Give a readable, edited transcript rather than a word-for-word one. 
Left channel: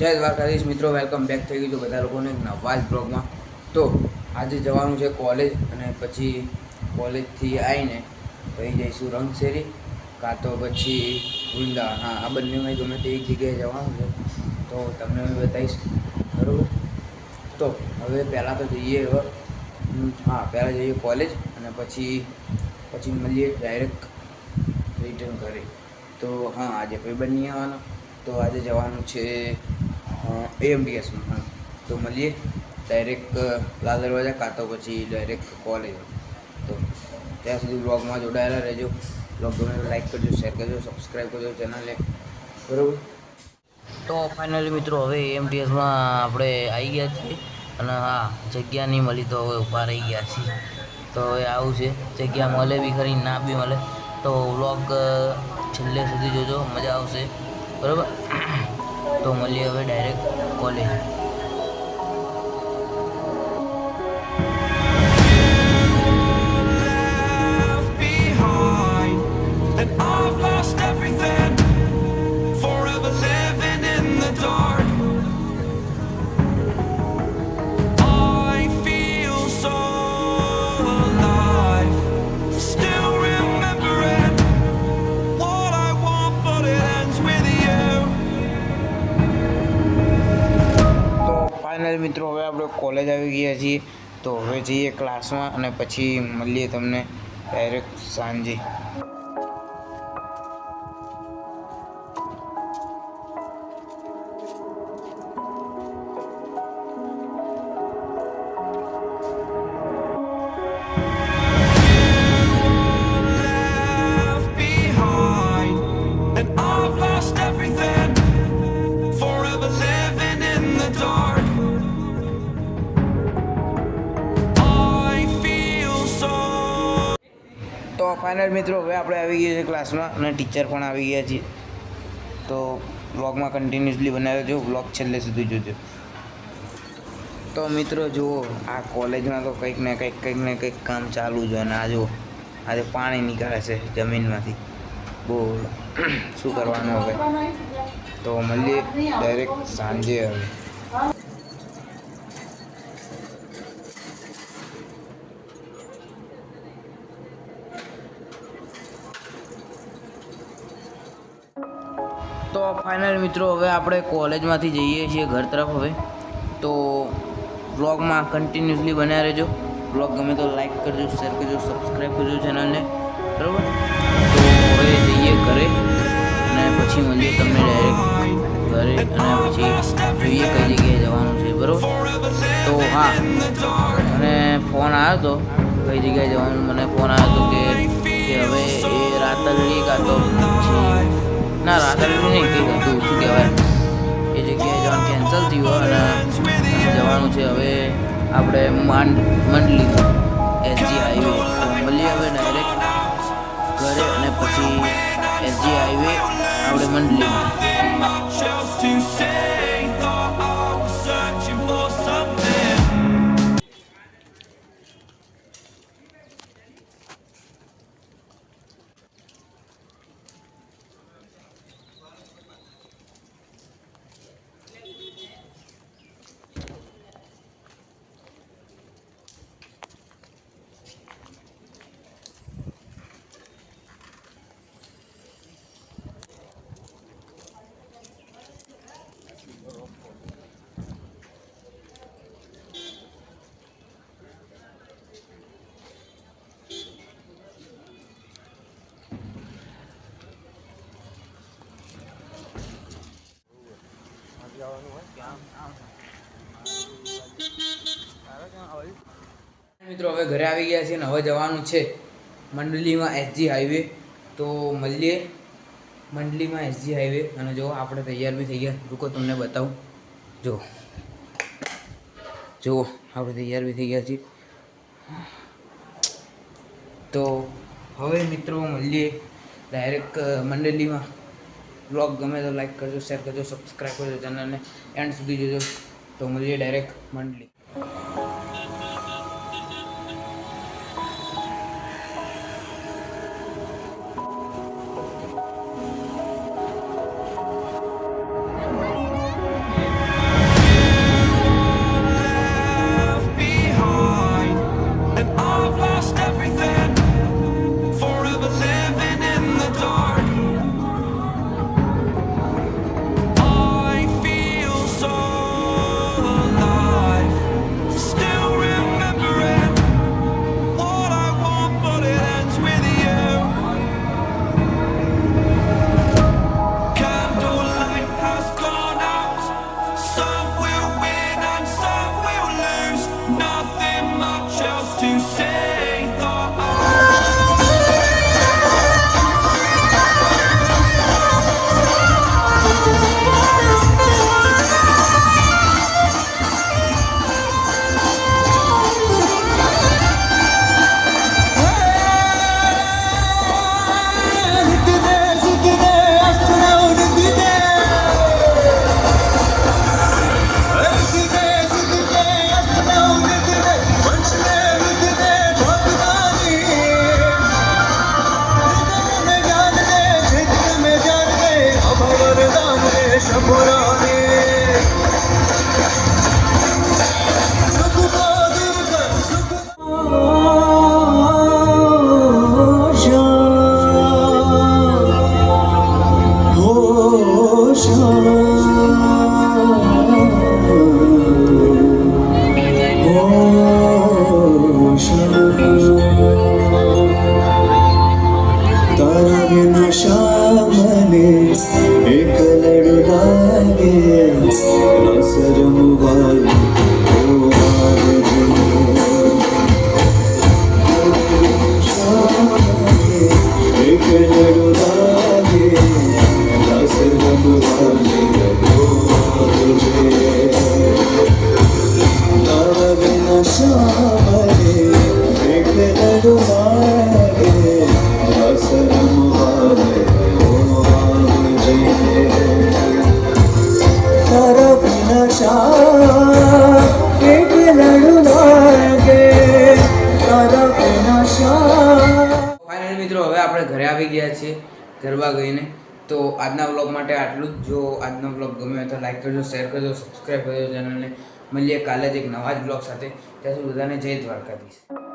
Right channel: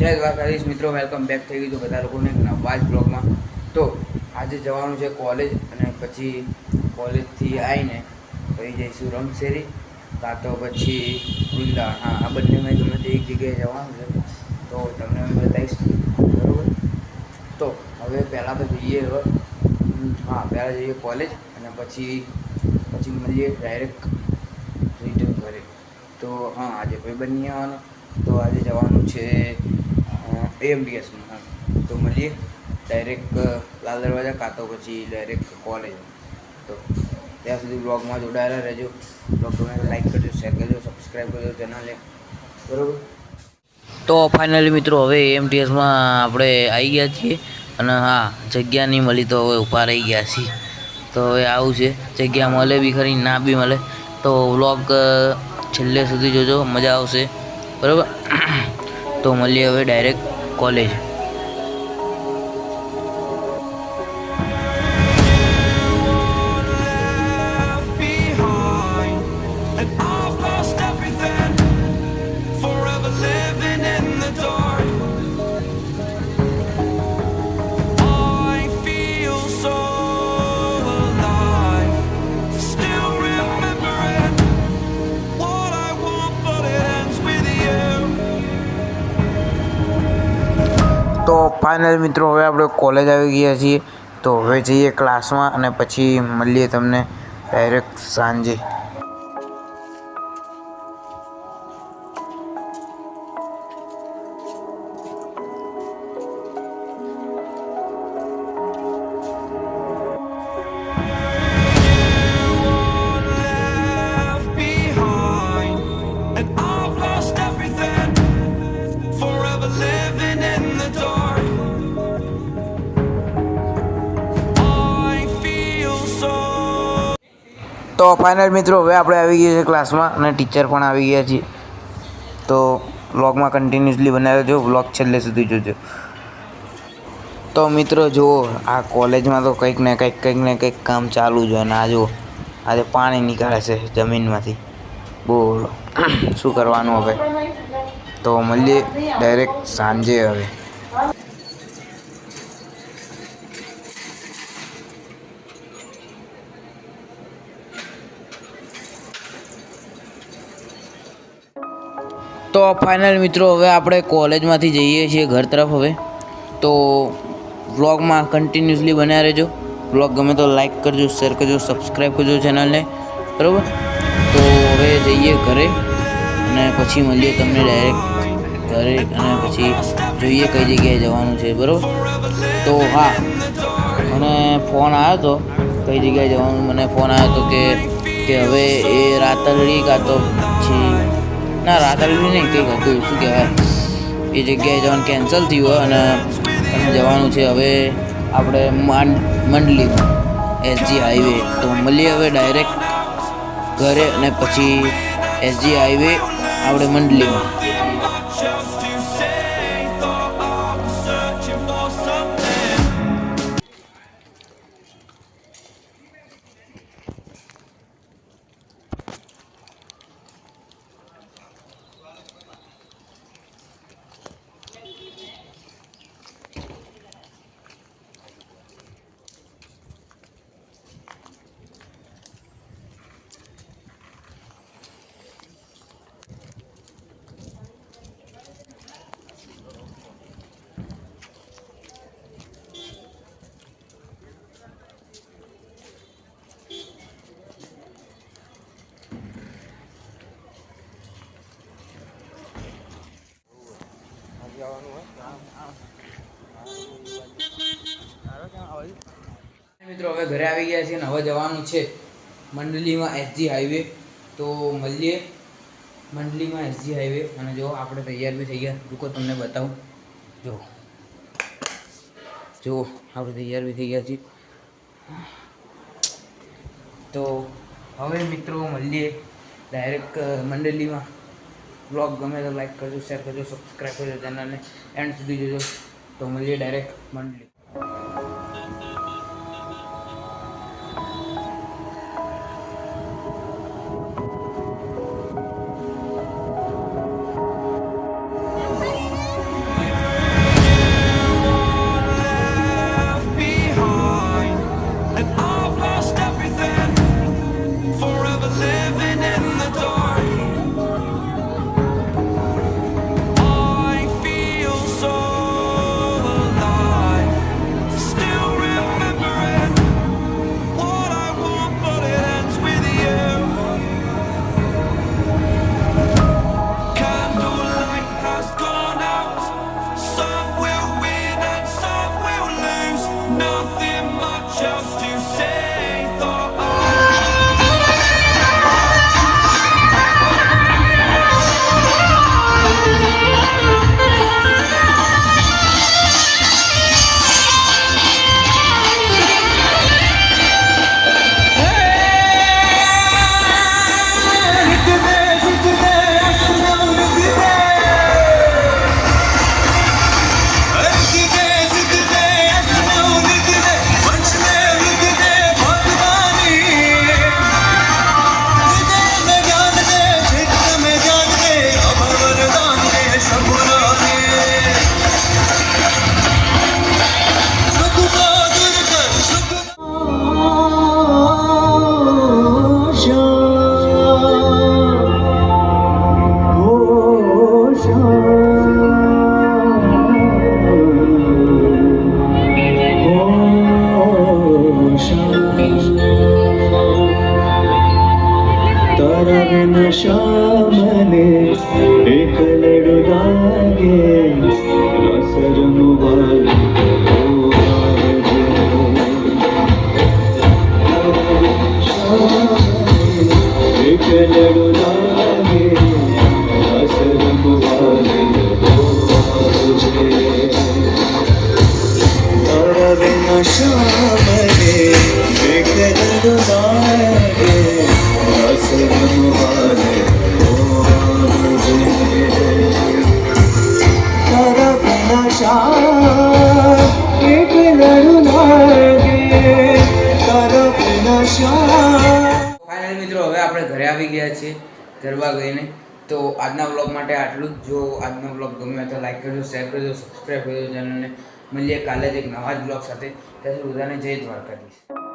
જય દ્વારકાધીશ મિત્રો, welcome back થઈ ગયું છે બધા લોકોને નવા જ બ્લોગમાં. તો આજે જવાનું છે કોલેજ, અને પછી કોલેજથી આવીને પછી જઈશું રંગશેરી, કાં તો પછી વૃંદાવન. હા, આ બંનેમાં ગમે તે એક જગ્યાએ જવાનું છે, તો તમને હું બતાવીશ. બરાબર, તો હવે પહેલાં તો જઈએ. હા, પહેલાં જઈએ કોલેજ, અને પછી મળીએ ડાયરેક્ટ રિટર્ન ઘરે. તો હા, આજે ભાઈ નહીં આવવાનો, તો આજે જવાનું છે એમડીએસમાં. હા, તો મળીએ ડાયરેક્ટ લાલ દરવાજા, કાં તો પછી ડાયરેક્ટ કોલેજ. તો ત્યાં સુધી બ્લોગમાં જોડાયેલા રહેજો. બ્લોગ ગમે તો લાઈક કરજો, શેર કરજો, સબસ્ક્રાઈબ કરજો ચેનલને. બરાબર, તો ફાઇનલી મિત્રો હવે એમટીએસમાં આપણે આવી ગયા છીએ. અને હા, જગ્યા નહીં મળી તો હવે ઊભા રહી ગયા છીએ. તો હવે આવું છે, જગ્યા મળે બી ખરી, ના બી મળે. તો વ્લોગ છેલ્લે સુધી જોજો, મજા આવશે. બરાબર, તો મળીએ હવે direct college. And I've lost everything, forever living in the dark. I feel so alive, still remembering what I want, but it ends with you. તો ફાઇનલ મિત્રો હવે આપણે કોલેજ આવી ગયા છીએ. તો હવે જઈએ ક્લાસમાં, અને પછી મળીએ તમને ડાયરેક્ટ સાંજે. Left behind, and I've lost everything, forever living in the dark. I feel so. તો ફાઇનલ મિત્રો હવે આપણે આવી ગયા છીએ ક્લાસમાં, અને ટીચર પણ આવી ગયા છીએ. તો વ્લોગમાં કન્ટિન્યુઅસલી બનાવ્યો જો, વ્લોગ છેલ્લે સુધી જોજો. તો મિત્રો જુઓ, આ કોલેજમાં તો કંઈક ને કંઈક કામ ચાલુ જ હોય. અને આ જુઓ, આજે પાણી નીકળે છે જમીનમાંથી. બોલો શું કરવાનું હવે. તો મળીએ ડાયરેક્ટ સાંજે હવે. તો ફાઇનલ મિત્રો હવે આપણે કોલેજમાંથી જઈએ છીએ ઘર તરફ હવે. તો વ્લોગમાં કન્ટિન્યુઅસલી બન્યા રહેજો. વ્લોગ ગમે તો લાઈક કરજો, શેર કરજો, સબસ્ક્રાઈબ કરજો ચેનલને. બરાબર, તો હવે જઈએ ઘરે, અને પછી મળીએ તમને ડાયરેક્ટ ઘરે, અને પછી જોઈએ કઈ જગ્યાએ જવાનું છે. બરાબર, તો હા, મને ફોન આવ્યો હતો કઈ જગ્યાએ જવાનું. મને ફોન આવ્યો હતો કે હવે એ રાતલડી, કાં તો પછી ના રાતલડી નહીં, કંઈક હતું શું કહેવાય, એ જગ્યાએ જવાનું કેન્સલ થયું, અને જવાનું છે હવે આપણે મંડલીમાં એસજી હાઈવે. તો મળીએ હવે ડાયરેક્ટ ઘરે, અને પછી એસજી હાઈવે આપણે મંડલીમાં. Chose to say, thought I was searching for something. મિત્રો હવે ઘરે આવી ગયા છીએ, અને હવે જવાનું છે મંડલીમાં એસજી હાઈવે. તો મળીએ મંડલીમાં એસજી હાઈવે. અને જો આપણે તૈયાર બી થઈ ગયા, રૂકો તમને બતાવું. જો આપણે તૈયાર બી થઈ ગયા છીએ. તો હવે મિત્રો મળીએ ડાયરેક્ટ મંડલીમાં. બ્લોગ ગમે તો લાઈક કરજો, શેર કરજો, સબસ્ક્રાઈબ કરજો ચેનલને, એન્ડ સુધી જોજો. તો મળીએ ડાયરેક્ટ મંડલી. ગરબા ગઈને. તો આજના વ્લોગ માટે આટલું જ. જો આજનો વ્લોગ ગમે તો લાઈક કરજો, શેર કરજો, સબસ્ક્રાઈબ કરજો ચેનલને. મળીએ કાલે જ એક નવા જ વ્લોગ સાથે. ત્યાં સુધી બધાને જય દ્વારકાધીશ.